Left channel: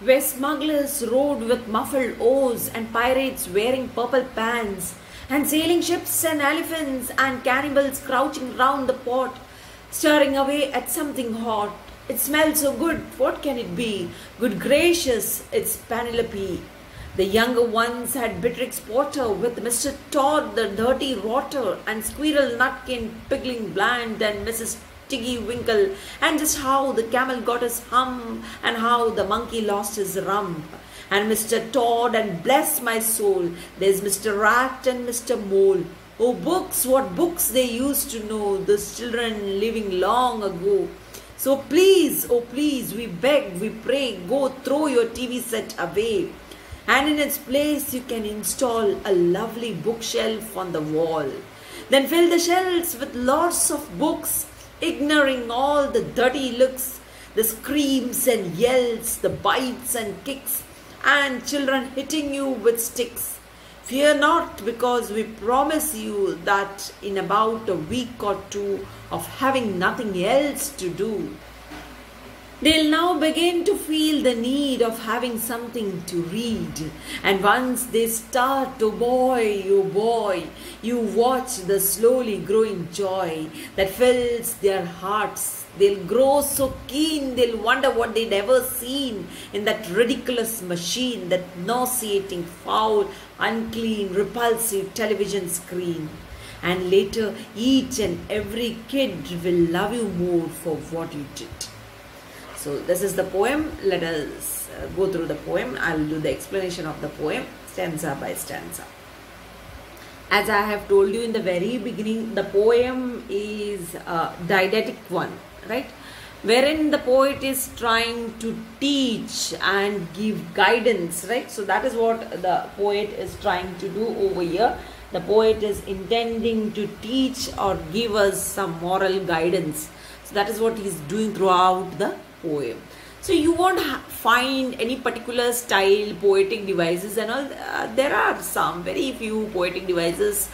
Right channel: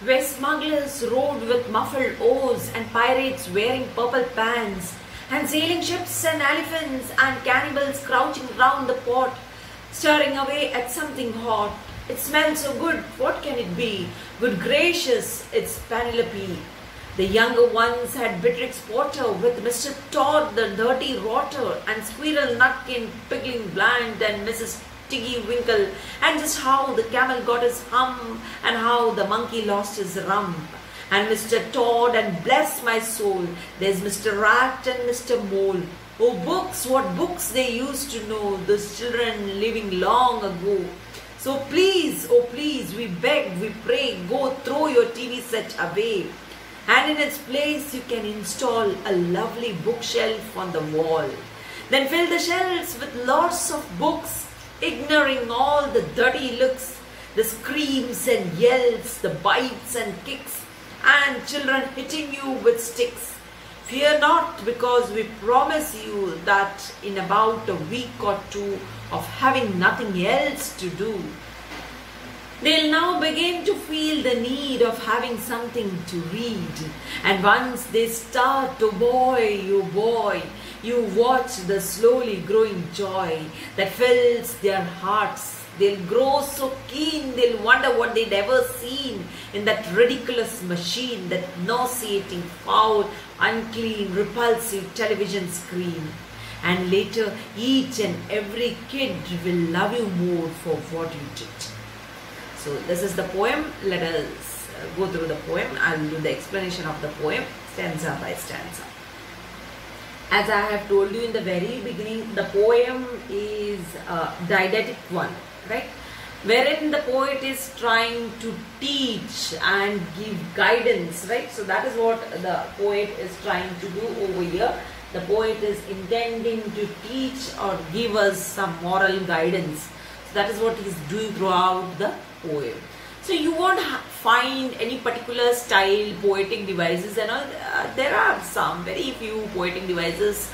where smugglers rode with muffled oars and pirates wearing purple pants, and sailing ships and elephants and cannibals crouching round the pot, staring away at something hot. It smells so good, what can it be? Good gracious, it's Penelope. The younger ones had Beatrix Potter with Mr. Todd the dirty rotter, and Squirrel Nutkin Pigling Bland, and Mrs. Tiggy Winkle, and just how the camel got his hum, and how the monkey lost his rump. And Mr. Todd, and bless my soul, there's Mr. Rat and Mr. Mole. Oh books, what books they used to know, those children living long ago. So please, oh please, we beg, we pray, go throw your TV set away. And in its place you can install a lovely bookshelf on the wall. Then fill the shelves with lots of books, ignoring all the dirty looks, the screams and yells, the bites and kicks, and children hitting you with sticks. Fear not, because we promise you that in about a week or two of having nothing else to do, they'll now begin to feel the need of having something to read. And once they start, oh boy, you watch the slowly growing joy that fills their hearts. They'll grow so keen, they'll wonder what they'd ever seen in that ridiculous machine, that nauseating, foul, unclean, repulsive television screen. And later, each and every kid will love you more for what you did. So this is the poem. Let us go through the poem. I'll do the explanation of the poem stanza by stanza. As I have told you in the very beginning, the poem is a didactic one, right? Wherein the poet is trying to teach and give guidance, right? So that is what the poet is trying to do over here. The poet is intending to teach or give us some moral guidance. So that is what he is doing throughout the poem. So you won't find any particular style, poetic devices and all. There are some, very few poetic devices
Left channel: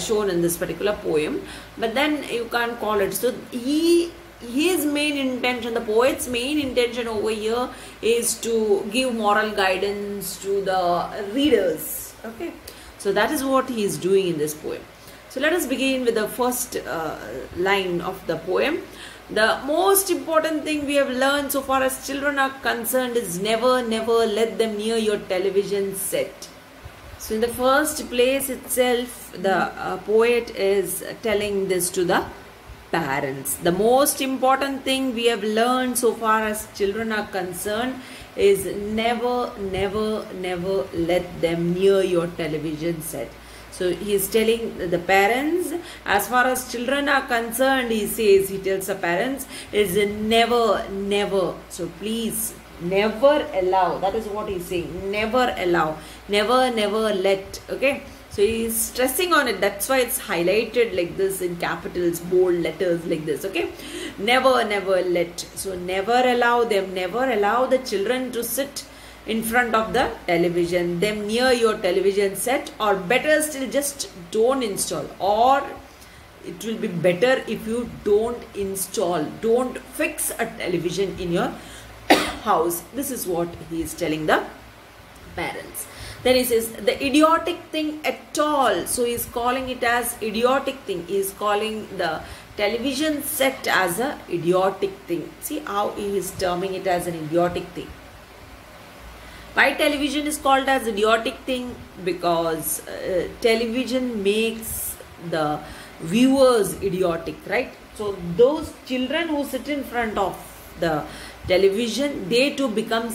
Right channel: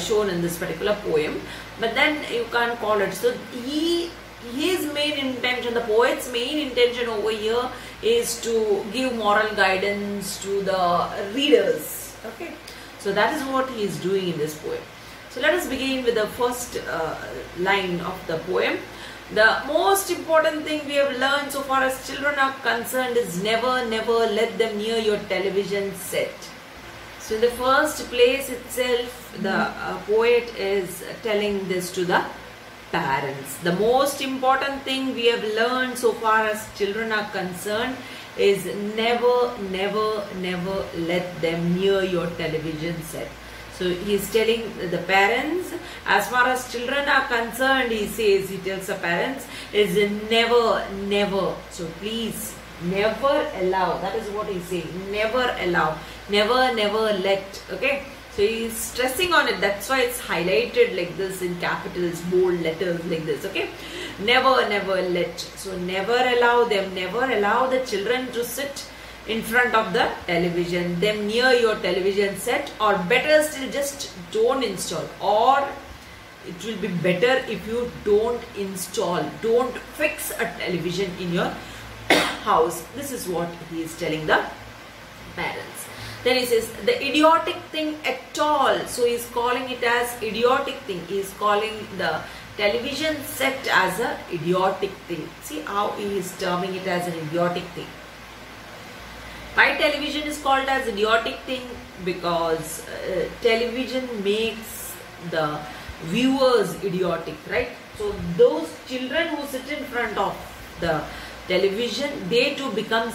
shown in this particular poem. But then you can't call it. So his main intention, the poet's main intention over here is to give moral guidance to the readers. Okay. So that is what he is doing in this poem. So let us begin with the first line of the poem. The most important thing we have learned so far as children are concerned is never let them near your television set. So in the first place itself, the poet is telling this to the parents. The most important thing we have learned so far as children are concerned is never let them near your television set. So he is telling the parents, as far as children are concerned, he tells the parents, is never. So please, never allow. That is what he is saying. Never allow. Never let. Okay. So he is stressing on it. That's why it's highlighted like this in capitals, bold letters like this. Okay. Never let. So never allow them. Never allow the children to sit in front of the television, them near your television set, or better still, just don't install. Or it will be better if you don't install, don't fix a television in your house. This is what he is telling the parents. Then he says the idiotic thing at all. So he is calling it as idiotic thing. He is calling the television set as a idiotic thing. See how he is terming it as an idiotic thing. Why television is called as idiotic thing? Because television makes the viewers idiotic, right? So those children who sit in front of the television, they too become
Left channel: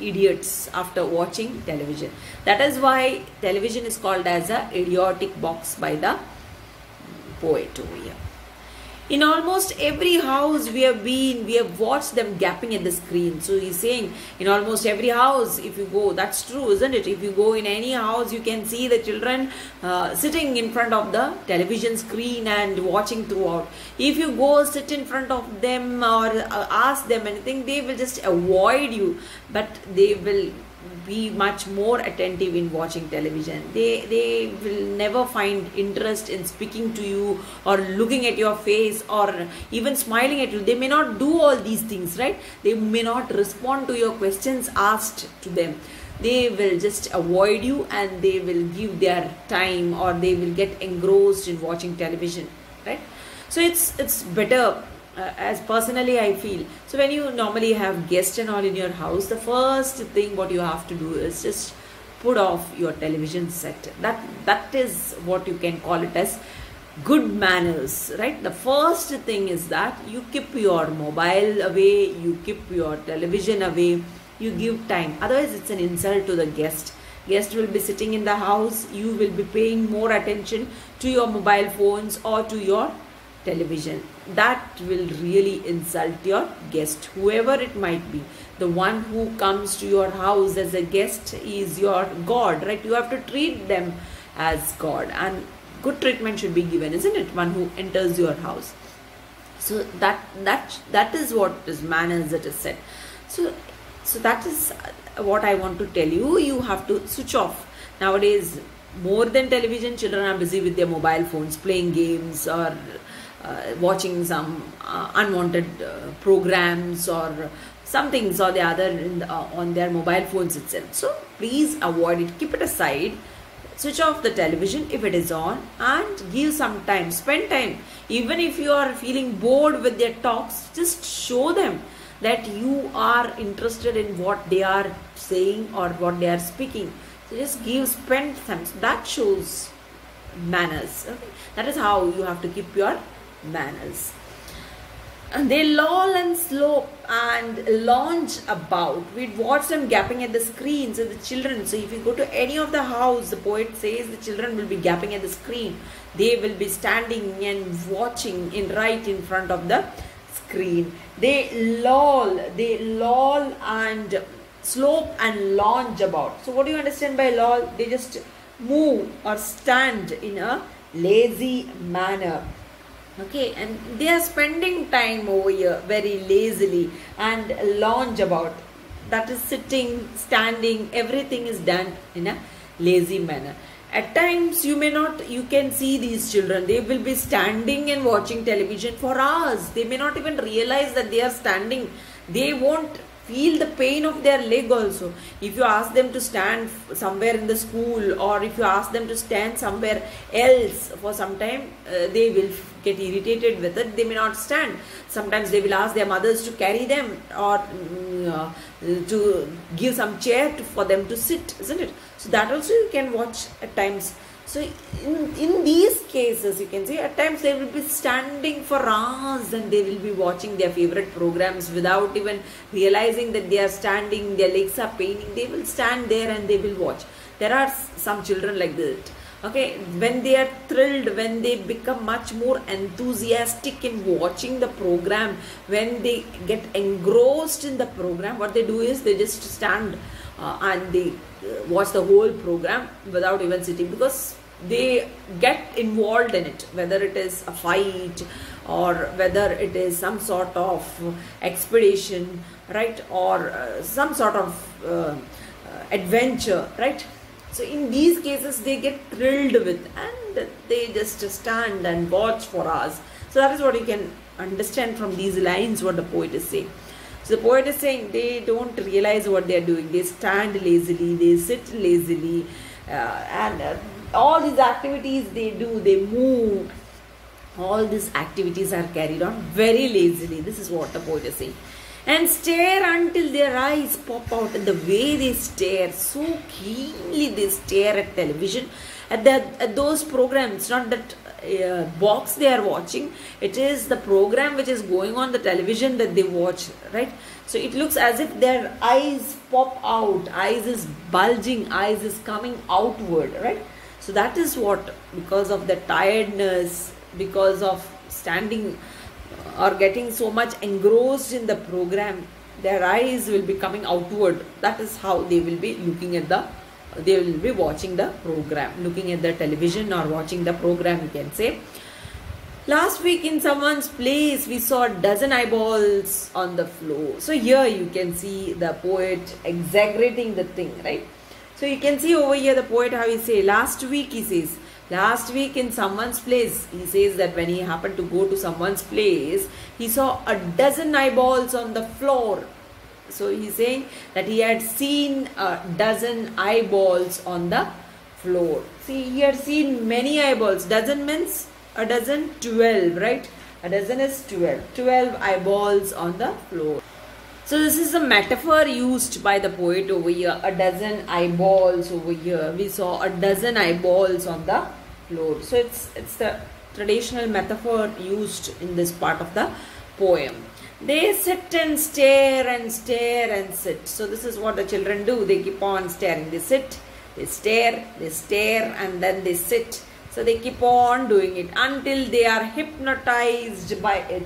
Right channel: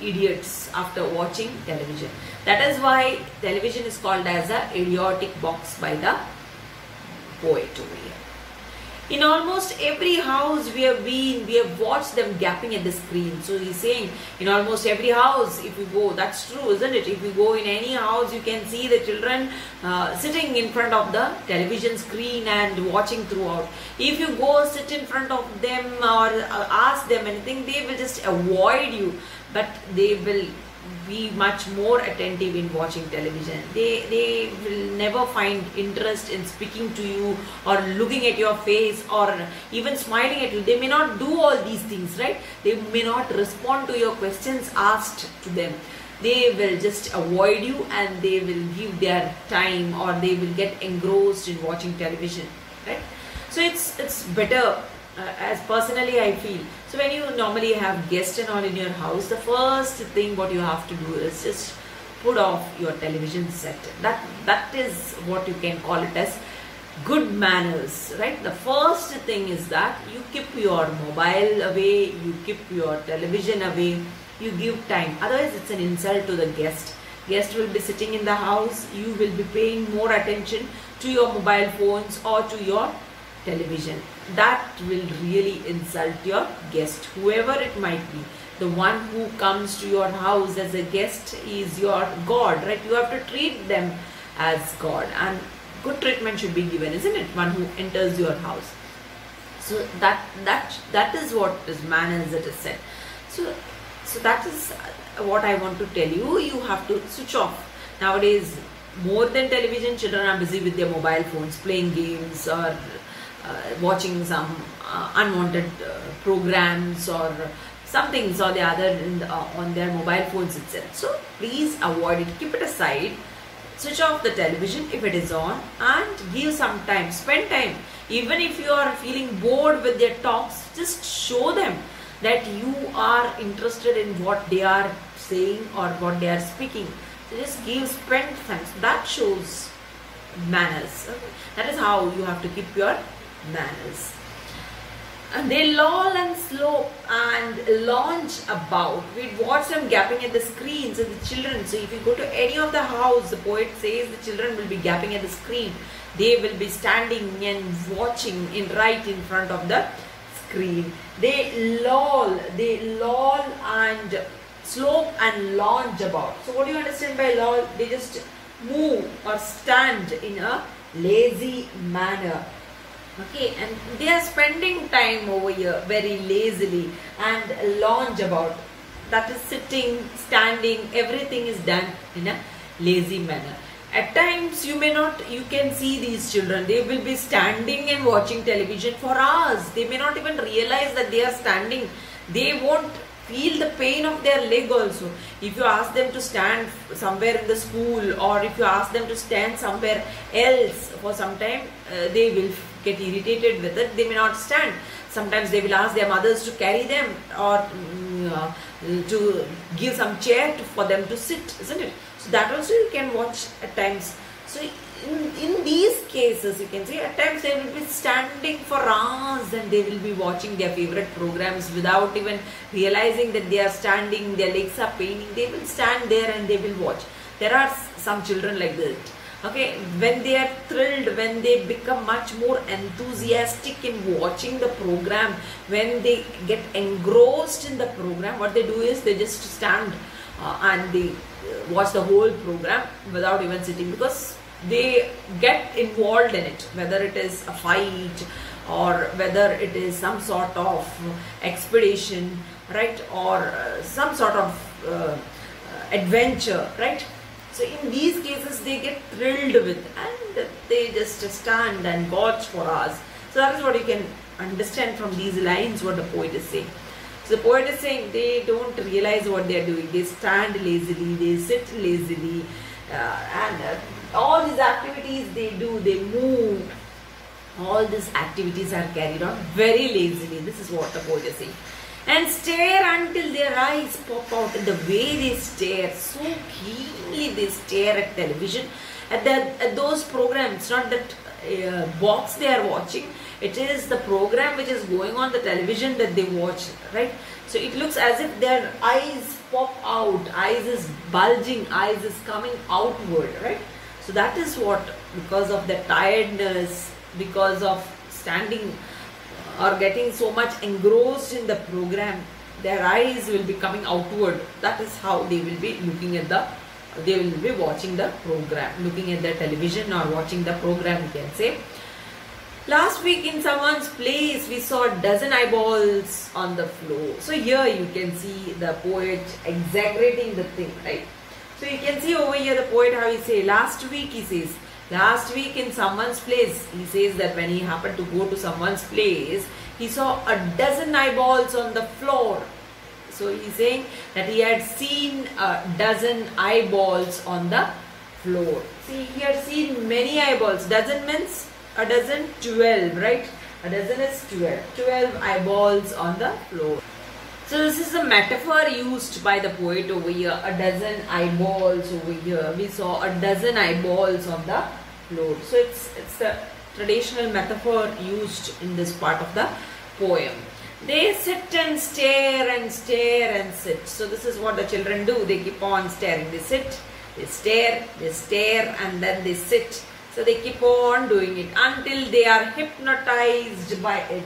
idiots after watching television. That is why television is called as a idiotic box by the poet over here. In almost every house we have watched them gapping at the screen. So he's saying in almost every house, if you go, that's true, isn't it? If you go in any house, you can see the children sitting in front of the television screen and watching throughout. If you go sit in front of them or ask them anything, they will just avoid you. But they will be much more attentive in watching television. They will never find interest in speaking to you or looking at your face or even smiling at you. They may not do all these things, right? They may not respond to your questions asked to them. They will just avoid you and they will give their time, or they will get engrossed in watching television, right? So it's better, as personally I feel. So when you normally have guests and all in your house, the first thing what you have to do is just put off your television set. That is what you can call it as good manners, right? The first thing is that you keep your mobile away, you keep your television away, you give time. Otherwise it's an insult to the guest. Guest will be sitting in the house, you will be paying more attention to your mobile phones or to your television. That will really insult your guest, whoever it might be. The one who comes to your house as a guest is your God, right? You have to treat them as God, and good treatment should be given, isn't it? One who enters your house. So that is what is manners, it is said. So that is what I want to tell you. You have to switch off. Nowadays, more than television, children are busy with their mobile phones, playing games or watching some unwanted programs or some things or the other on their mobile phones itself. So please avoid it, keep it aside, switch off the television if it is on, and give some time, spend time. Even if you are feeling bored with their talks, just show them that you are interested in what they are saying or what they are speaking. So just spend time. So that shows manners. Okay? That is how you have to keep your manners. And they loll and slope and launch about. We'd watch them gapping at the screens of the children. So if you go to any of the house, the poet says the children will be gapping at the screen. They will be standing and watching right in front of the screen. They loll and slope and launch about. So what do you understand by loll? They just move or stand in a lazy manner. Okay, and they are spending time over here very lazily, and lounge about. That is sitting, standing, everything is done in a lazy manner. At times you can see these children, they will be standing and watching television for hours. They may not even realize that they are standing. They won't feel the pain of their leg also. If you ask them to stand somewhere in the school, or if you ask them to stand somewhere else for some time, they will get irritated with it. They may not stand. Sometimes they will ask their mothers to carry them, or to give some chair for them to sit, isn't it? So that also you can watch at times. So in these cases, you can see at times they will be standing for hours and they will be watching their favorite programs without even realizing that they are standing, their legs are paining. They will stand there and they will watch. There are some children like that. Okay, when they are thrilled, when they become much more enthusiastic in watching the program, when they get engrossed in the program, what they do is they just stand and they watch the whole program without even sitting, because they get involved in it, whether it is a fight or whether it is some sort of expedition, right, or some sort of adventure, right. So in these cases they get thrilled with, and they just stand and watch for hours. So that is what you can understand from these lines what the poet is saying. So the poet is saying they don't realize what they are doing. They stand lazily, they sit lazily, and all these activities they do, they move. All these activities are carried on very lazily. This is what the poet is saying. And stare until their eyes pop out. And the way they stare, so keenly they stare at television, at those programs, not that box they are watching. It is the program which is going on the television that they watch, right? So it looks as if their eyes pop out, eyes is bulging, eyes is coming outward, right? So that is what, because of the tiredness, because of standing or getting so much engrossed in the program, their eyes will be coming outward. That is how they will be looking at they will be watching the program, looking at the television or watching the program, you can say. Last week in someone's place, we saw a dozen eyeballs on the floor. So here you can see the poet exaggerating the thing, right? So you can see over here the poet how he says, last week he says, last week in someone's place, he says that when he happened to go to someone's place, he saw a dozen eyeballs on the floor. So he's saying that he had seen a dozen eyeballs on the floor. See, he had seen many eyeballs. Dozen means a dozen, 12, right? A dozen is 12. 12 eyeballs on the floor. So this is the metaphor used by the poet over here. A dozen eyeballs over here. We saw a dozen eyeballs on the floor. So it's the traditional metaphor used in this part of the poem. They sit and stare and stare and sit. So this is what the children do. They keep on staring. They sit, they stare and then they sit. So they keep on doing it until they are hypnotized by it.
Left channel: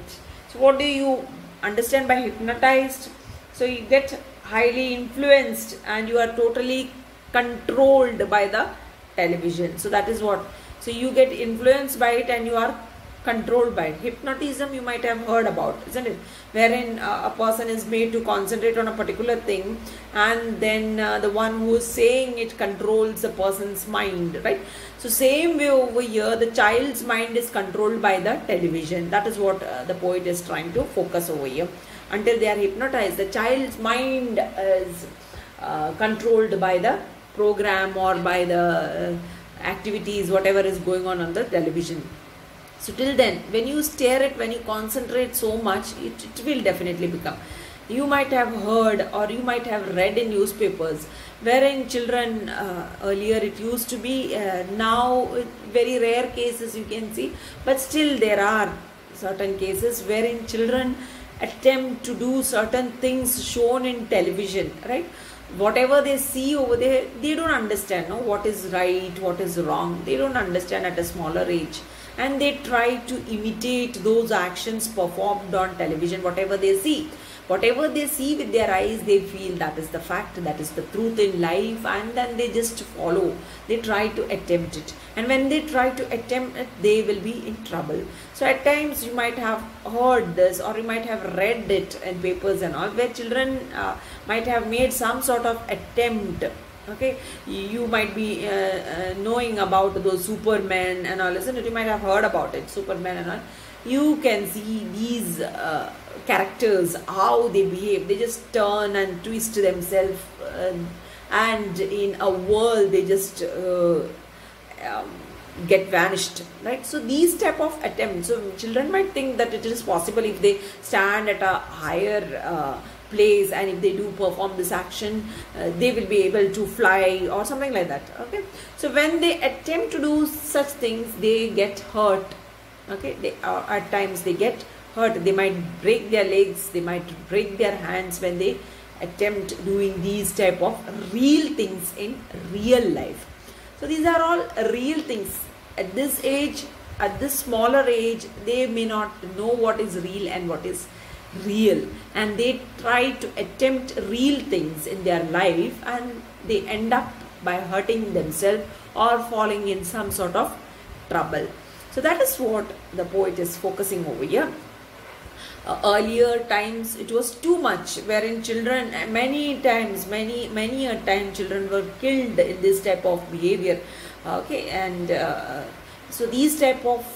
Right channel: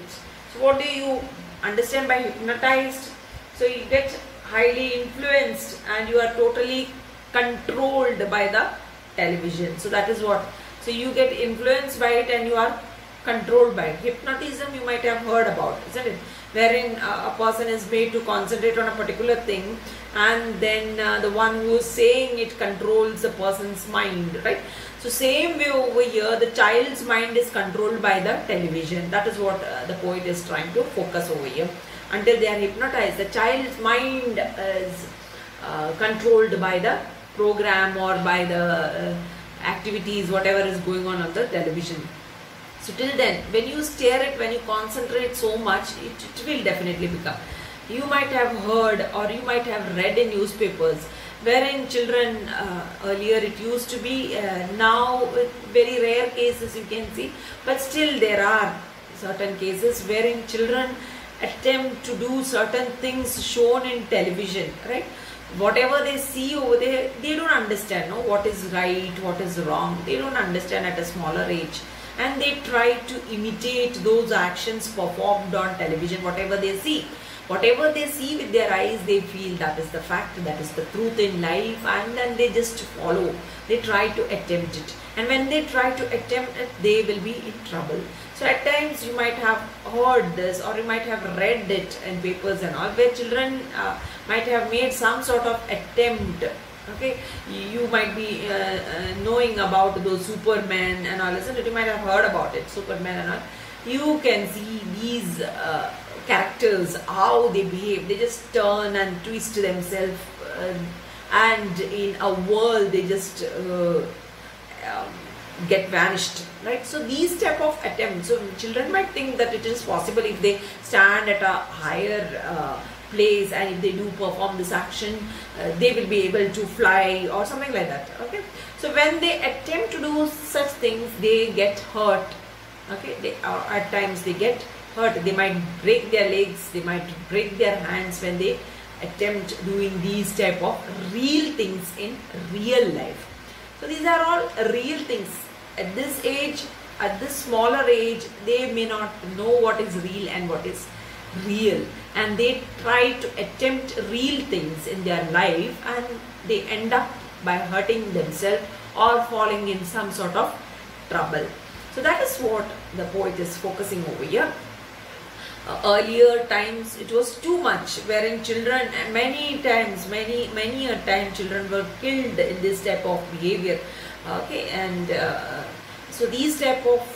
So what do you understand by hypnotized? So you get highly influenced and you are totally controlled by the television. So that is what. So you get influenced by it and you are controlled by it. Hypnotism you might have heard about, isn't it? Wherein a person is made to concentrate on a particular thing and then the one who is saying it controls the person's mind, right? So same way over here, the child's mind is controlled by the television. That is what the poet is trying to focus over here. Until they are hypnotized, the child's mind is controlled by the program or by the activities, whatever is going on the television. So till then, when you stare at, when you concentrate so much, it will definitely become. You might have heard or you might have read in newspapers wherein children, earlier it used to be, now with very rare cases you can see, but still there are certain cases wherein children attempt to do certain things shown in television, right? Whatever they see over there, they don't understand what is right, what is wrong. They don't understand at a smaller age. And they try to imitate those actions performed on television, whatever they see. Whatever they see with their eyes, they feel that is the fact, that is the truth in life, and then they just follow. They try to attempt it. And when they try to attempt it, they will be in trouble. So at times you might have heard this or you might have read it in papers and all, where children might have made some sort of attempt. Okay, you might be knowing about those Superman and all, isn't it? You might have heard about it, Superman and all. You can see these characters, how they behave. They just turn and twist themselves and in a whirl they just get vanished, right? So these type of attempts, so children might think that it is possible if they stand at a higher place and if they do perform this action, they will be able to fly or something like that. Okay, so when they attempt to do such things, they get hurt. Okay, at times they get hurt. They might break their legs, they might break their hands when they attempt doing these type of real things in real life. So these are all real things. At this age, at this smaller age, they may not know what is real and what is real, and they try to attempt real things in their life and they end up by hurting themselves or falling in some sort of trouble. So that is what the poet is focusing over here. Earlier times it was too much, wherein children many a time children were killed in this type of behavior. Okay, and so these type of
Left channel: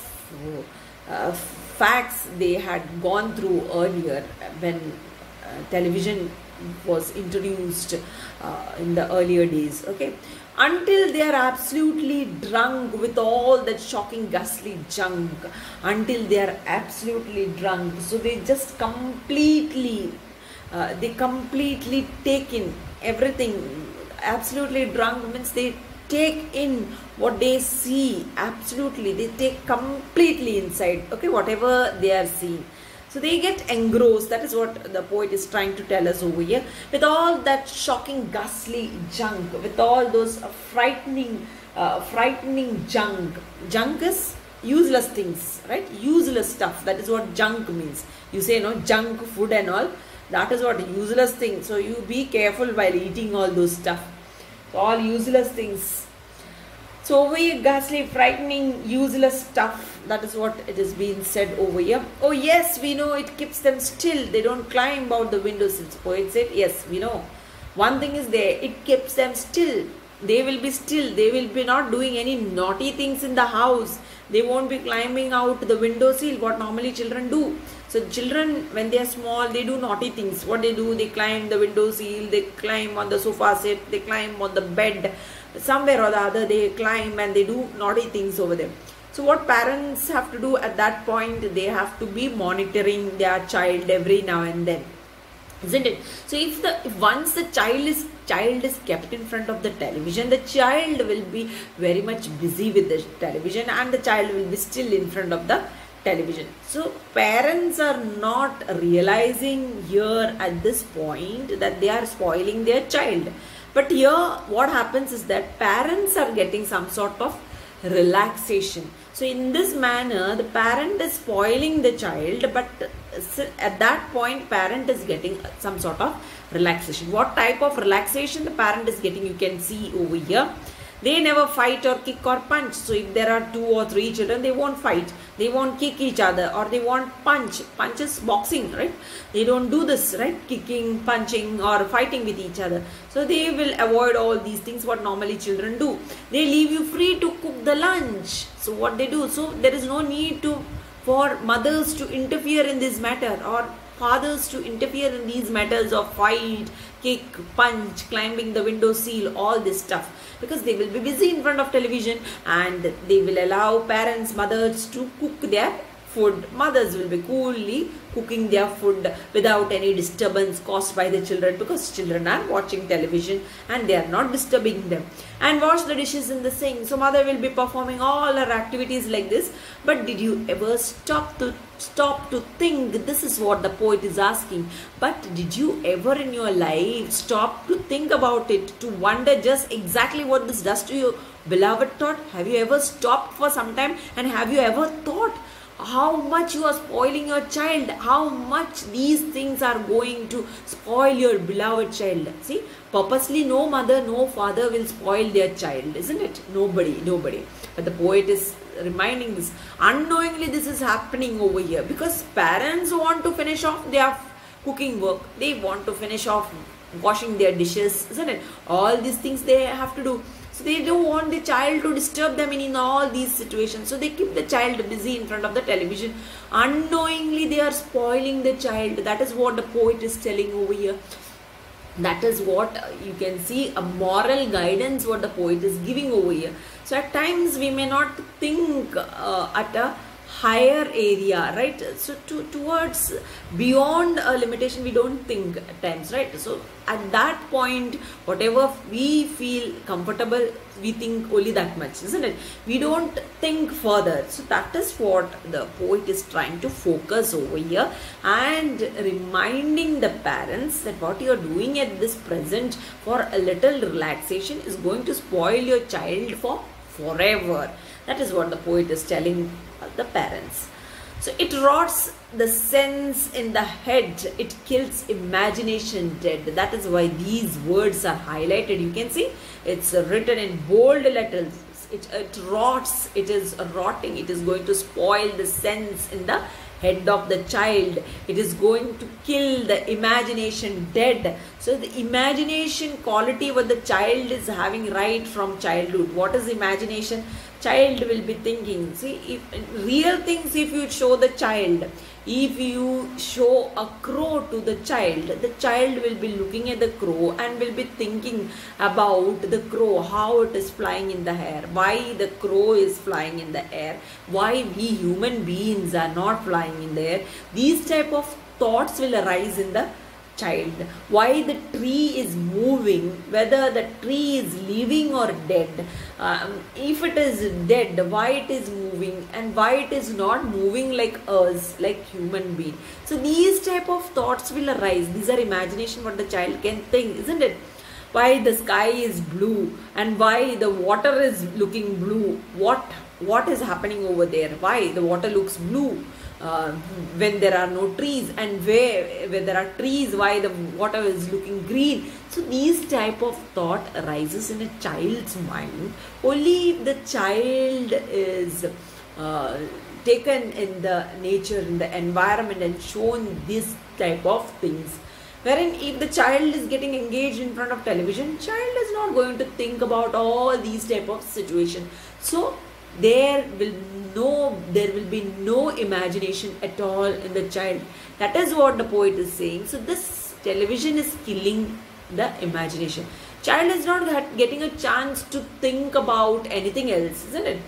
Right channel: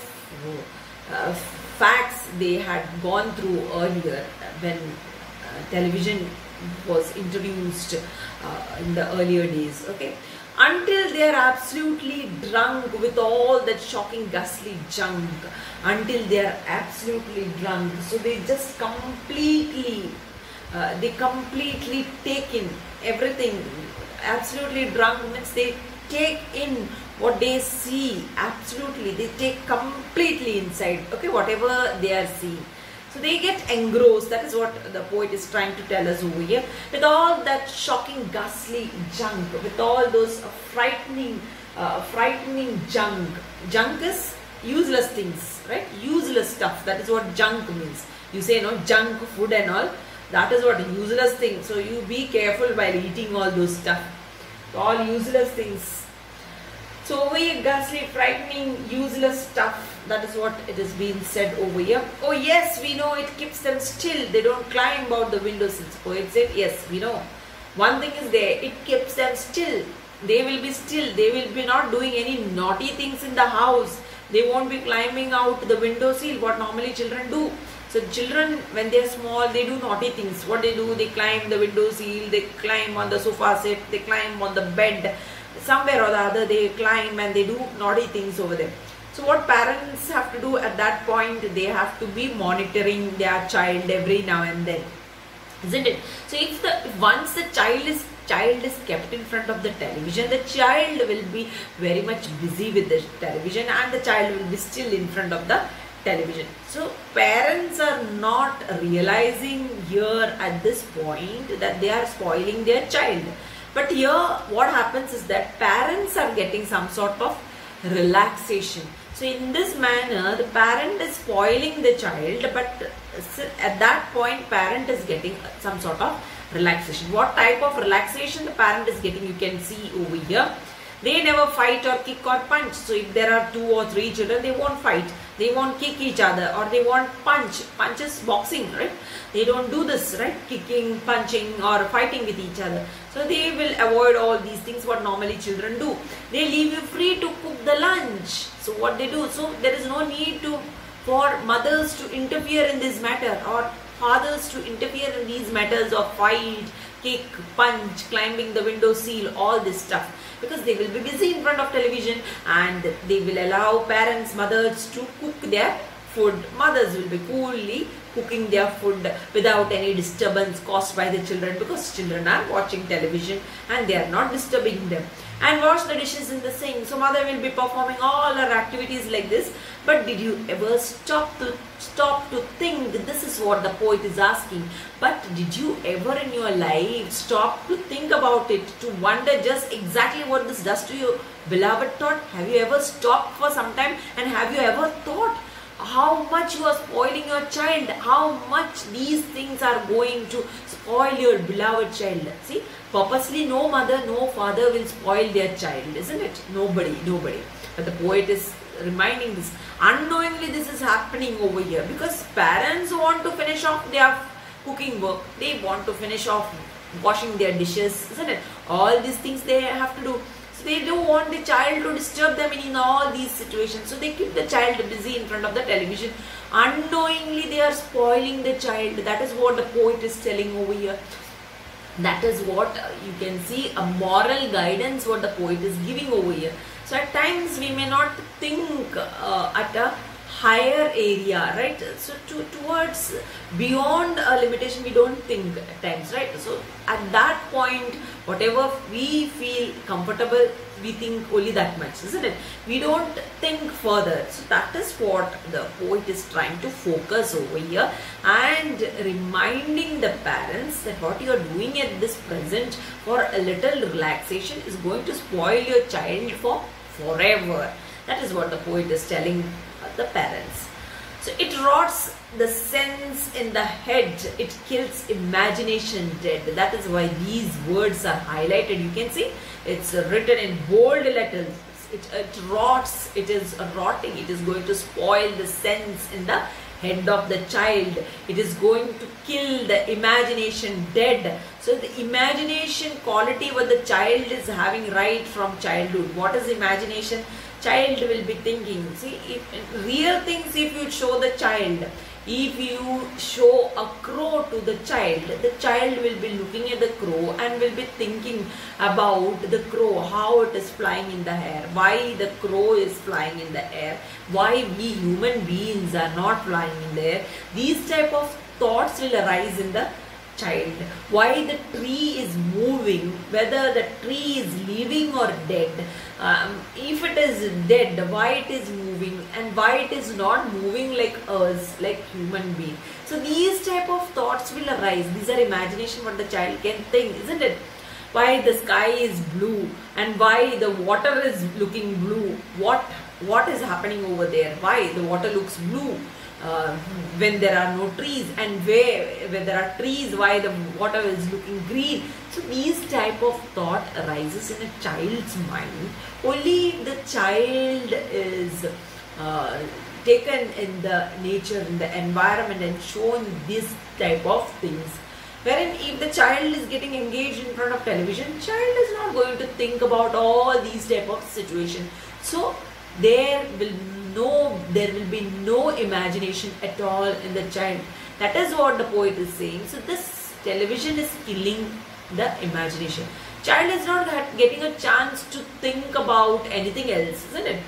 facts they had gone through earlier when television was introduced in the earlier days. Okay, until they are absolutely drunk with all that shocking ghastly junk, until they are absolutely drunk, so they just completely take in everything. Absolutely drunk means they take in what they see. Absolutely, they take completely inside. Okay, whatever they are seeing. So they get engrossed. That is what the poet is trying to tell us over here. With all that shocking, ghastly junk, with all those frightening junk. Junk is useless things, right? Useless stuff. That is what junk means. You say, no, junk food and all. That is what useless things. So you be careful while eating all those stuff. All useless things. So over here, ghastly, frightening, useless stuff. That is what it is being said over here. Oh yes, we know it keeps them still. They don't climb out the windows. Poet said, yes, we know. One thing is there, it keeps them still. They will be still. They will be not doing any naughty things in the house. They won't be climbing out the window sill, what normally children do. So children, when they are small, they do naughty things. What they do, they climb the window sill, they climb on the sofa set, they climb on the bed. Somewhere or the other, they climb and they do naughty things over there. So what parents have to do at that point, they have to be monitoring their child every now and then, isn't it? So if once the child is kept in front of the television, the child will be very much busy with the television and the child will be still in front of the television. So parents are not realizing here at this point that they are spoiling their child. But here what happens is that parents are getting some sort of relaxation. So in this manner, the parent is spoiling the child, but at that point, parent is getting some sort of relaxation. What type of relaxation the parent is getting, you can see over here. They never fight or kick or punch. So if there are 2 or 3 children, they won't fight. They won't kick each other or they won't punch. Punch is boxing, right? They don't do this, right? Kicking, punching or fighting with each other. So they will avoid all these things what normally children do. They leave you free to cook the lunch. So what they do? So there is no need for mothers to interfere in this matter or fathers to interfere in these matters of fight, kick, punch, climbing the window sill, all this stuff. Because they will be busy in front of television and they will allow parents, mothers to cook their food. Mothers will be coolly cooking their food without any disturbance caused by the children, because children are watching television and they are not disturbing them. And wash the dishes in the sink. So mother will be performing all her activities like this. But did you ever stop to think? This is what the poet is asking. But did you ever in your life stop to think about it, to wonder just exactly what this does to your beloved thought? Have you ever stopped for some time and have you ever thought how much you are spoiling your child, how much these things are going to spoil your beloved child? See, purposely no mother, no father will spoil their child, isn't it? Nobody. But the poet is reminding this. Unknowingly this is happening over here because parents want to finish off their cooking work. They want to finish off washing their dishes, isn't it? All these things they have to do. So they don't want the child to disturb them in all these situations. So they keep the child busy in front of the television. Unknowingly they are spoiling the child. That is what the poet is telling over here. That is what you can see, a moral guidance what the poet is giving over here. So at times we may not think at a higher area, right? So towards beyond a limitation we don't think at times, right? So at that point, whatever we feel comfortable, we think only that much, isn't it? We don't think further. So that is what the poet is trying to focus over here and reminding the parents that what you are doing at this present for a little relaxation is going to spoil your child for forever. That is what the poet is telling the parents. So it rots the sense in the head. It kills imagination dead. That is why these words are highlighted. You can see it's written in bold letters. It rots. It is rotting. It is going to spoil the sense in the head of the child. It is going to kill the imagination dead. So the imagination quality what the child is having right from childhood. What is imagination? Child will be thinking. See, if real things if you show the child, if you show a crow to the child will be looking at the crow and will be thinking about the crow, how it is flying in the air, why the crow is flying in the air, why we human beings are not flying in the air. These type of thoughts will arise in the child. Why the tree is moving, whether the tree is living or dead. If it is dead, why it is moving and why it is not moving like us, like human being. So these type of thoughts will arise. These are imagination what the child can think, isn't it? Why the sky is blue and why the water is looking blue. What is happening over there? Why the water looks blue? When there are no trees, and where there are trees, why the water is looking green. So these type of thought arises in a child's mind only if the child is taken in the nature, in the environment, and shown this type of things. Wherein if the child is getting engaged in front of television, child is not going to think about all these type of situations. So there will be no imagination at all in the child. That is what the poet is saying. So this television is killing the imagination. Child is not getting a chance to think about anything else, isn't it?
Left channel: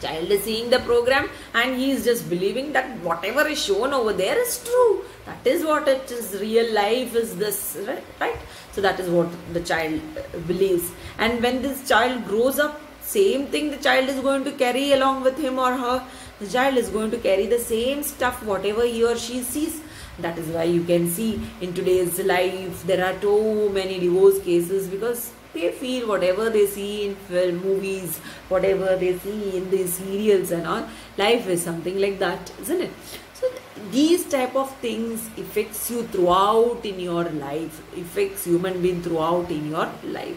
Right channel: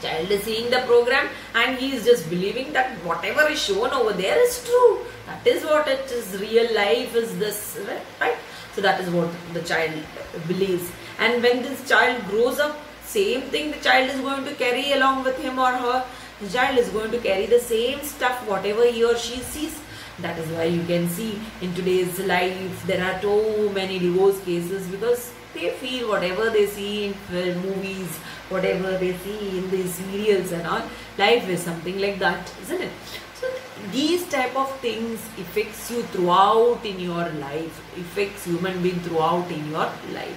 Child is seeing the program and he is just believing that whatever is shown over there is true. That is what it is. Real life is this, right? So that is what the child believes. And when this child grows up, same thing the child is going to carry along with him or her. The child is going to carry the same stuff, whatever he or she sees. That is why you can see in today's life there are so many divorce cases, because they feel whatever they see in film, movies, whatever they see in the serials and all, life is something like that, isn't it? So these type of things affects you throughout in your life, affects human being throughout in your life.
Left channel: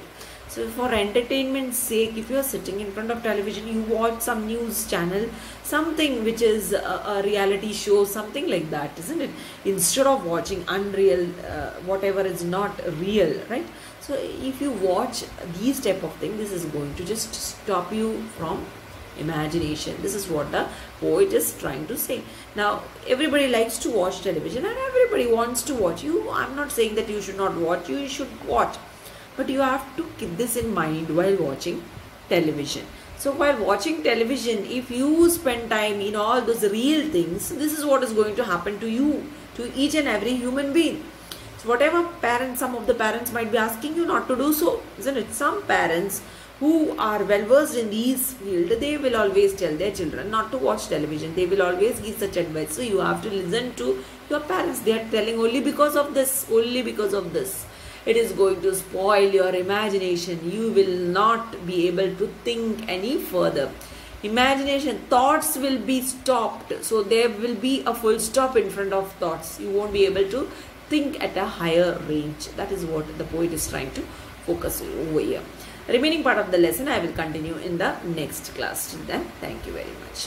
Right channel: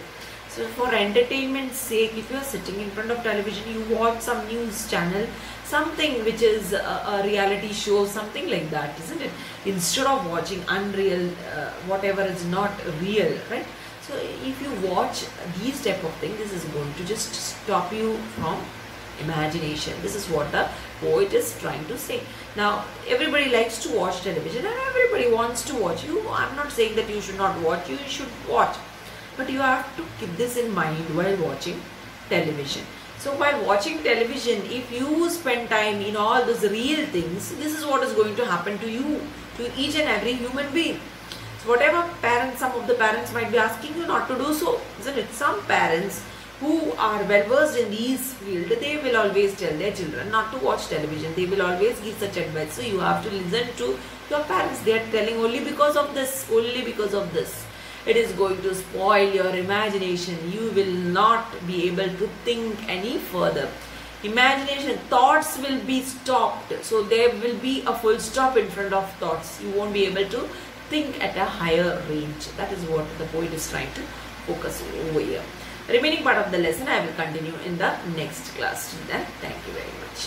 So for entertainment's sake, if you are sitting in front of television, you watch some news channel, something which is a reality show, something like that, isn't it? Instead of watching unreal, whatever is not real, right? So if you watch these type of things, this is going to just stop you from imagination. This is what the poet is trying to say. Now everybody likes to watch television and everybody wants to watch. I'm not saying that you should not watch, you should watch. But you have to keep this in mind while watching television. So while watching television, if you spend time in all those real things, this is what is going to happen to you, to each and every human being. So whatever parents, some of the parents might be asking you not to do so, isn't it? Some parents who are well versed in these fields, they will always tell their children not to watch television. They will always give such advice. So you have to listen to your parents. They are telling only because of this, only because of this. It is going to spoil your imagination. You will not be able to think any further. Imagination, thoughts will be stopped. So there will be a full stop in front of thoughts. You won't be able to think at a higher range. That is what the poet is trying to focus over here. The remaining part of the lesson I will continue in the next class. Till then, thank you very much.